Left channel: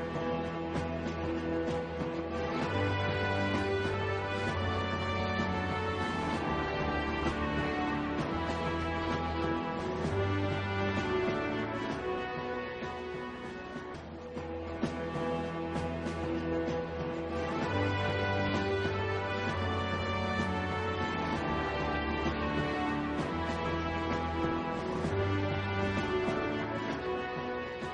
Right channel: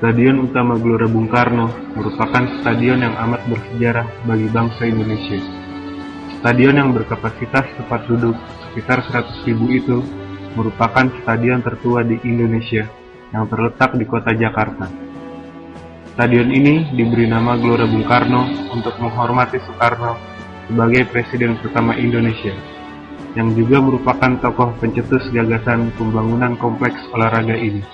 Stadion Utama Gelora Bung Karno merupakan stadion yang amat bersejarah bagi bangsa Indonesia. Stadion yang berkapasitas tempat duduk sekitar 100.000 itu merupakan stadion tertua di Indonesia yang terletak di kota Jakarta. Stadion ini diberi nama Gelora Bung Karno untuk menghormati Soekarno sebagai Presiden pertama Indonesia, yang juga merupakan tokoh pencetus gagasan pembangunan kompleks olahraga ini.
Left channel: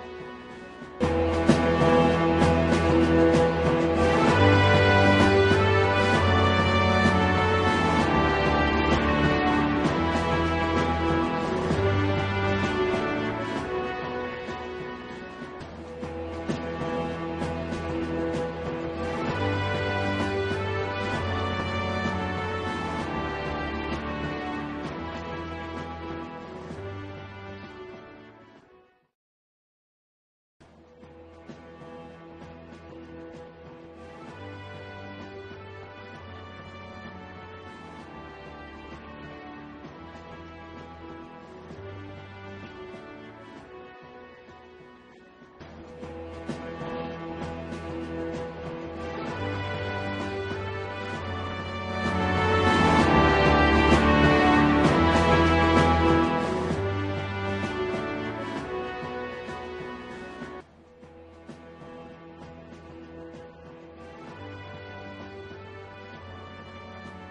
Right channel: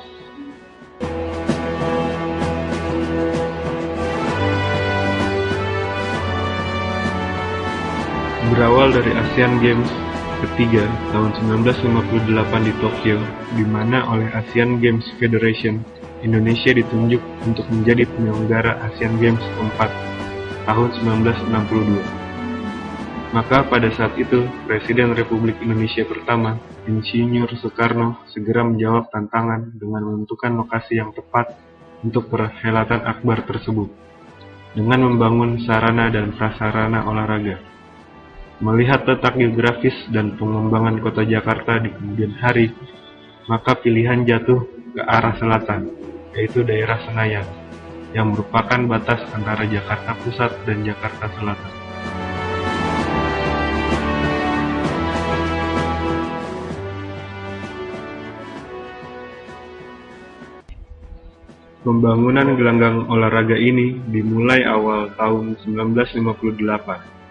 Berawal dari Asian Games ketiga tahun 1958 di Tokyo, di mana oleh Asian Games Federation, Indonesia ditunjuk untuk menjadi penyelenggara Asian Games keempat tahun 1962. Maka pada saat itu, Presiden Republik Indonesia pertama, Insinyur Soekarno, segera menjawab tantangan dengan menentukan lokasi yang tepat untuk perhelatan akbar tersebut, dengan membangun sarana dan prasarana olahraga. Melihat letak geografis dan pengembangan kota Jakarta di kemudian hari, maka pilihan jatuh ke arah selatan, yaitu daerah Senayan, yang merupakan batas antara Jakarta Pusat dan Jakarta Selatan. Pembangunan gelanggang olahraga ini dimulai awal tahun 1958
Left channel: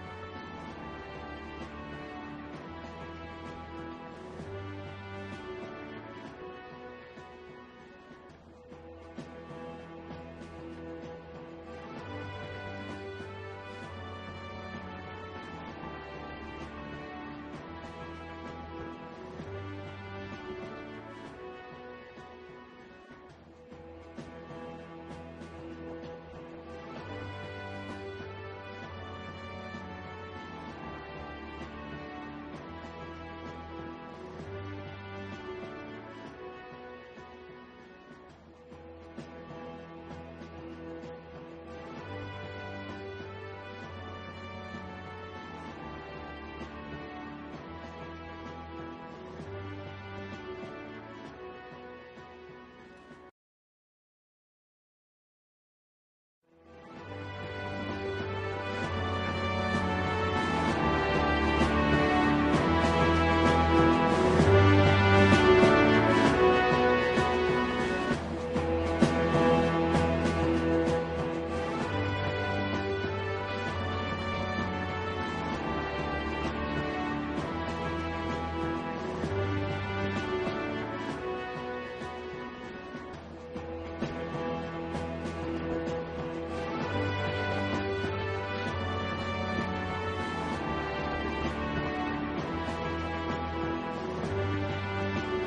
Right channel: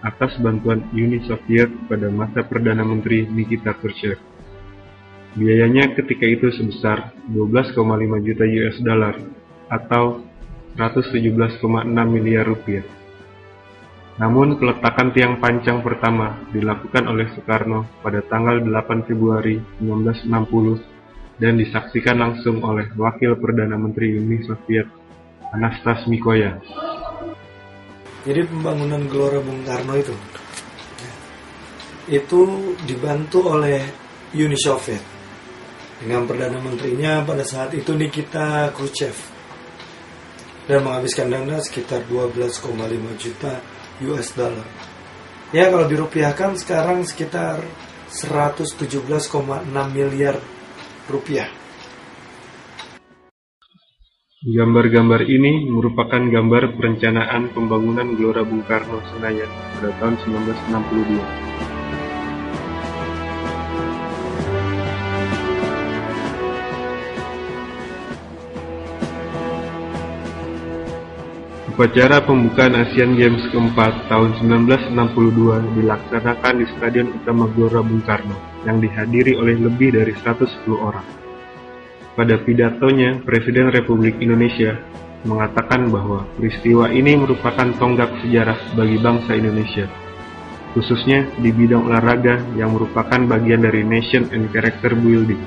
atas bantuan Uni Soviet pada masa Perdana Menteri Nikita Khrushchev. Biayanya ketika itu sebesar 12,5 juta US dollar atau 117,6 miliar rupiah. Namun peletakan tiang pancang pertama dilakukan oleh Soekarno pada tanggal 8 Februari 1960 dan disaksikan langsung oleh Wakil Perdana Menteri Uni Soviet Anastas Mikoyan. Jadi pembangunan Gelora Bung Karno itu dibantu oleh Uni Soviet dengan Perdana Menterinya pada saat itu Nikita Khrushchev, dan menghabiskan dana sekitar 12,5 juta US dollar. Ya, kalau dirupiahkan sekarang sekitar 117,6 miliar rupiah. Gambar-gambar ini merupakan gambar perencanaan pembangunan Gelora Bung Karno Senayan pada tahun 1962. Upacara pembukaan Asian Games keempat tahun 1962 dilaksanakan di Stadion Utama Gelora Bung Karno yang dihadiri oleh lebih dari 110 orang. Pada pidatonya, Presiden Republik Indonesia mengatakan bahwa peristiwa ini merupakan tonggak sejarah bagi bangsa Indonesia, khususnya di bidang olahraga yang merupakan bagian dari Nation and Character Building.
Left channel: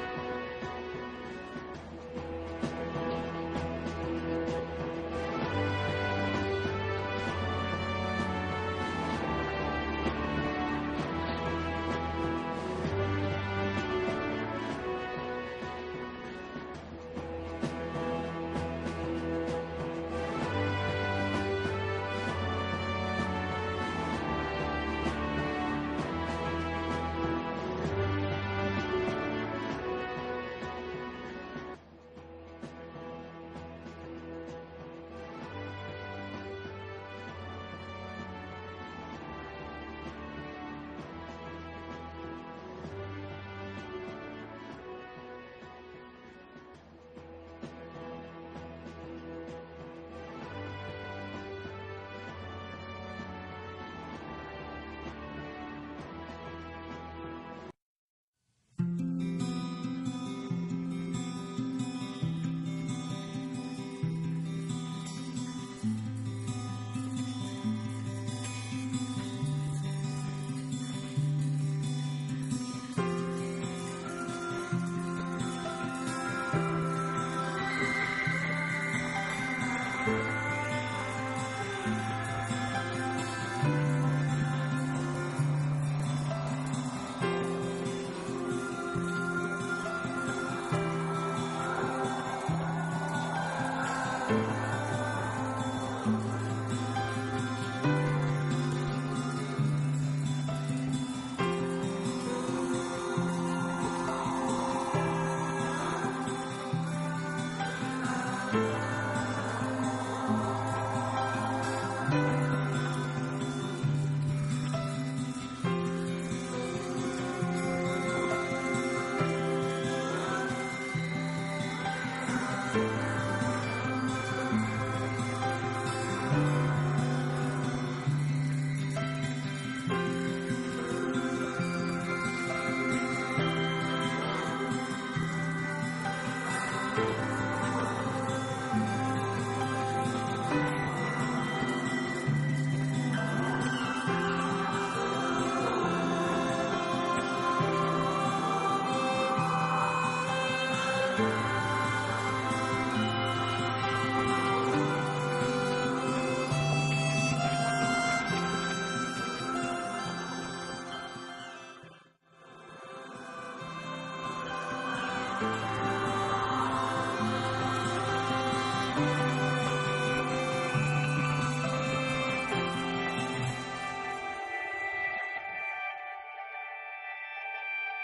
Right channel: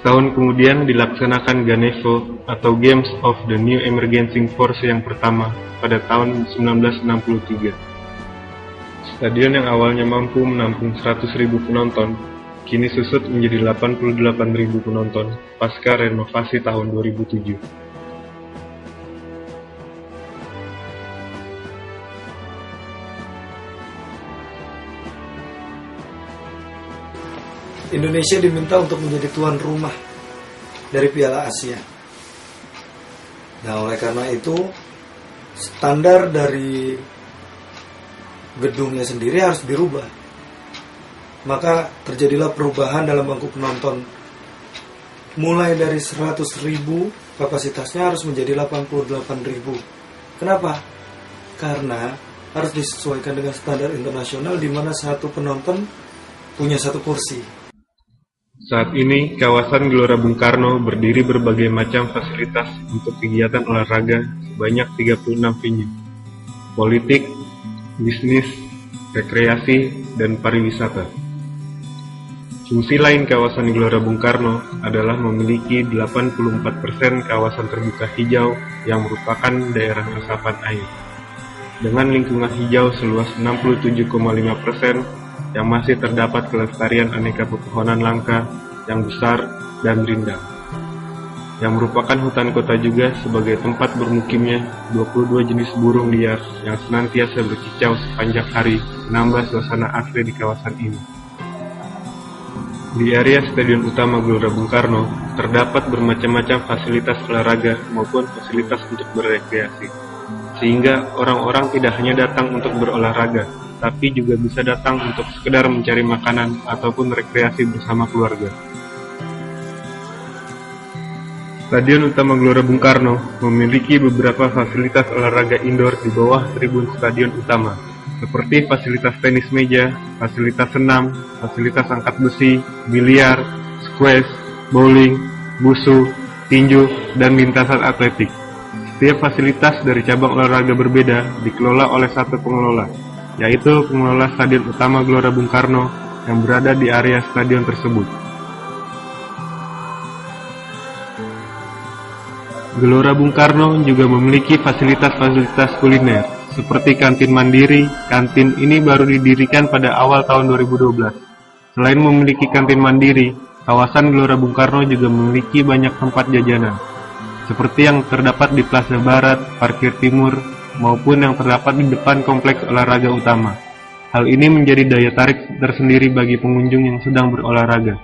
Setahun kemudian dilaksanakan Ganevo atau Games of the New Emerging Force yang pertama pada tahun 1963. Stadion yang awalnya mampu menampung 100.000 penonton, kini susut menjadi 88.000 penonton pasca renovasi tahun 2007. Indonesia diminta untuk menjadi tuan rumah dari Piala Asia. Nah, oleh karena itu standar dari gedungnya sendiri harus dirubah. Maka terjadilah perubahan dalam bangku penonton. Mulai dari 100.000 kapasitasnya harus menjadi 88.000. Kenapa? Karena harus disesuaikan dengan standar internasional di mana satu penonton punya satu kursi. Saat ini, kawasan Gelora Bung Karno berdiri berbagai macam fasilitas untuk kegiatan olahraga sebanyak 36 venue. Politik, bisnis, rekreasi, dan pariwisata. Fungsi lain kawasan Gelora Bung Karno adalah memiliki 84% kawasan terbuka hijau yang merupakan daerah resapan air, dengan lingkungan hijau seluas 67,5% yang masih terdapat kelestarian aneka pepohonan langka yang besar dan rindang, yang merupakan hutan kota juga sebagai tempat bermukimnya 22 jenis burung liar yang senantiasa berkicau sepanjang hari, menambah suasana asri di kawasan ini. Di area Stadion Utama Gelora Bung Karno terdapat bermacam-macam fasilitas olahraga maupun fasilitas untuk berrekreasi. Sehingga orang-orang tidak hanya datang untuk berolahraga, tapi juga bisa datang untuk sekedar mencari makanan ataupun rekreasi bersama keluarga. Stadion Utama Gelora Bung Karno memiliki beberapa fasilitas olahraga indoor di bawah tribun stadion utama, seperti fasilitas tenis meja, fasilitas senam, fasilitas angkat besi, biliar, squash, bowling, busu, tinju, dan lintasan atletik. Setiap fasilitas dari cabang olahraga berbeda dikelola oleh satu pengelola, yaitu pengelola Stadion Utama Gelora Bung Karno yang berada di area stadion tersebut. Gelora Bung Karno juga memiliki fasilitas-fasilitas kuliner, seperti kantin mandiri. Kantin ini baru didirikan pada awal tahun 2012. Selain memiliki kantin mandiri, kawasan Gelora Bung Karno juga memiliki banyak tempat jajanan, seperti yang terdapat di Plaza Barat, Parkir Timur, maupun yang terdapat di depan kompleks olahraga utama. Hal ini menjadi daya tarik tersendiri bagi pengunjung yang sedang berolahraga.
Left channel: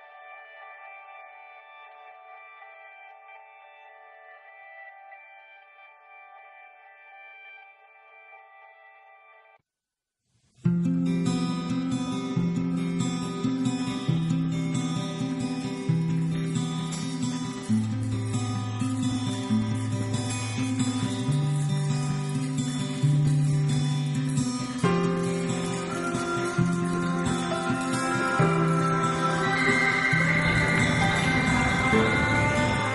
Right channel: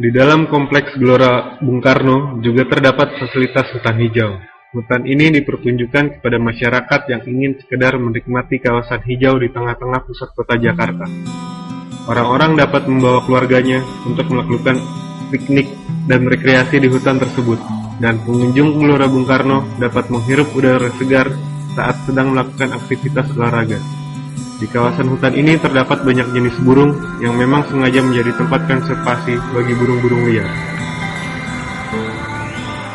Di dalam kompleks Gelora Bung Karno juga terdapat fasilitas hutan hijau. Hutan ini dipertunjukkan kepada masyarakat yang ingin sekedar menikmati kawasan hijau di tengah-tengah pusat kota Jakarta. Orang-orang dapat membawa keluarganya untuk melakukan piknik dan rekreasi di hutan tersebut, dan pengunjung Gelora Bung Karno dapat menghirup udara segar saat sedang melakukan aktivitas olahraga. Di kawasan hutan ini terdapat banyak jenis burung yang memang sengaja menjadi tempat konservasi bagi burung-burung liar.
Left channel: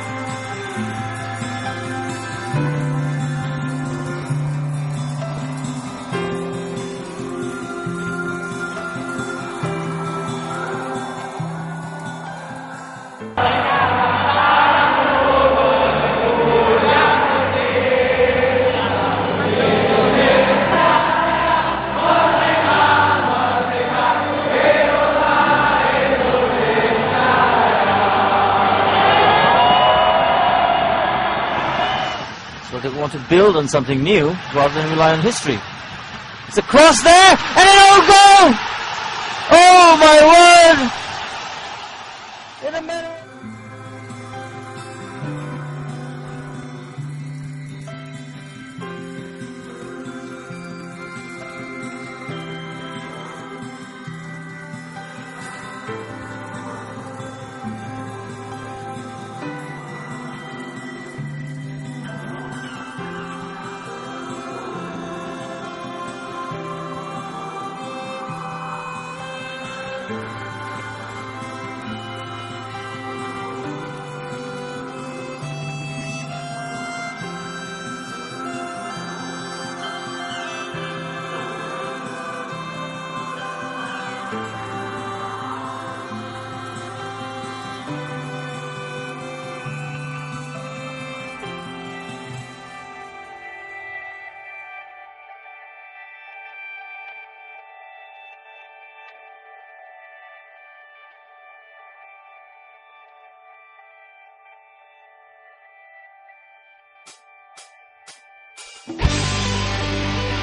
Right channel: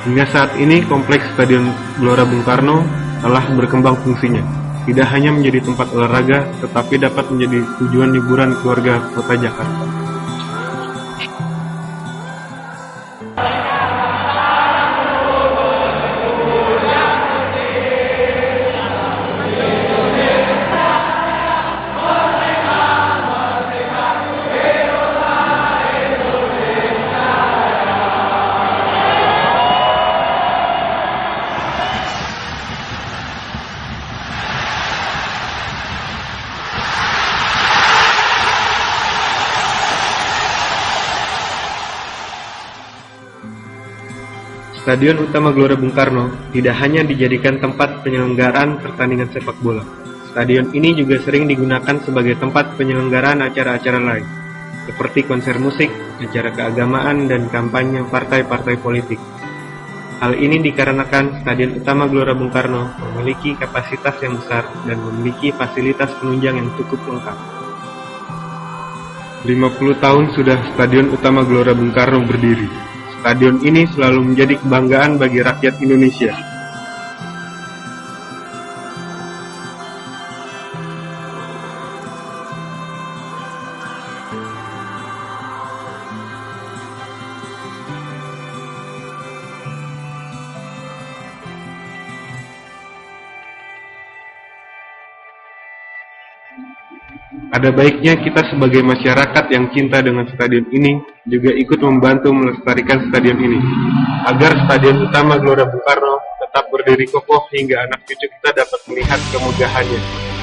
Hingga saat ini, kompleks Stadion Gelora Bung Karno telah berkembang fungsinya. Tidak hanya menjadi tempat olahraga, tetapi dapat menjadi tujuan liburan keluarga kota Jakarta. Build on something new rather than rely on history. It's a cross there and an own goal! Oh my word! Stadion Utama Gelora Bung Karno tidak hanya dijadikan tempat penyelenggaraan pertandingan sepak bola. Stadion ini juga sering digunakan sebagai tempat penyelenggaraan acara-acara lain, seperti konser musik, acara keagamaan, dan kampanye partai-partai politik. Hal ini dikarenakan Stadion Utama Gelora Bung Karno memiliki kapasitas yang besar dan memiliki fasilitas penunjang yang cukup lengkap. 50 tahun sudah Stadion Utama Gelora Bung Karno berdiri. Stadion ini selalu menjadi kebanggaan bagi rakyat Indonesia. Ada baiknya kita sebagai masyarakat yang cinta dengan stadion ini juga ikut membantu melestarikan stadion ini, agar Stadion Utama Gelora Bung Karno tetap berdiri kokoh hingga anak cucu kita dapat melihat kemegahannya.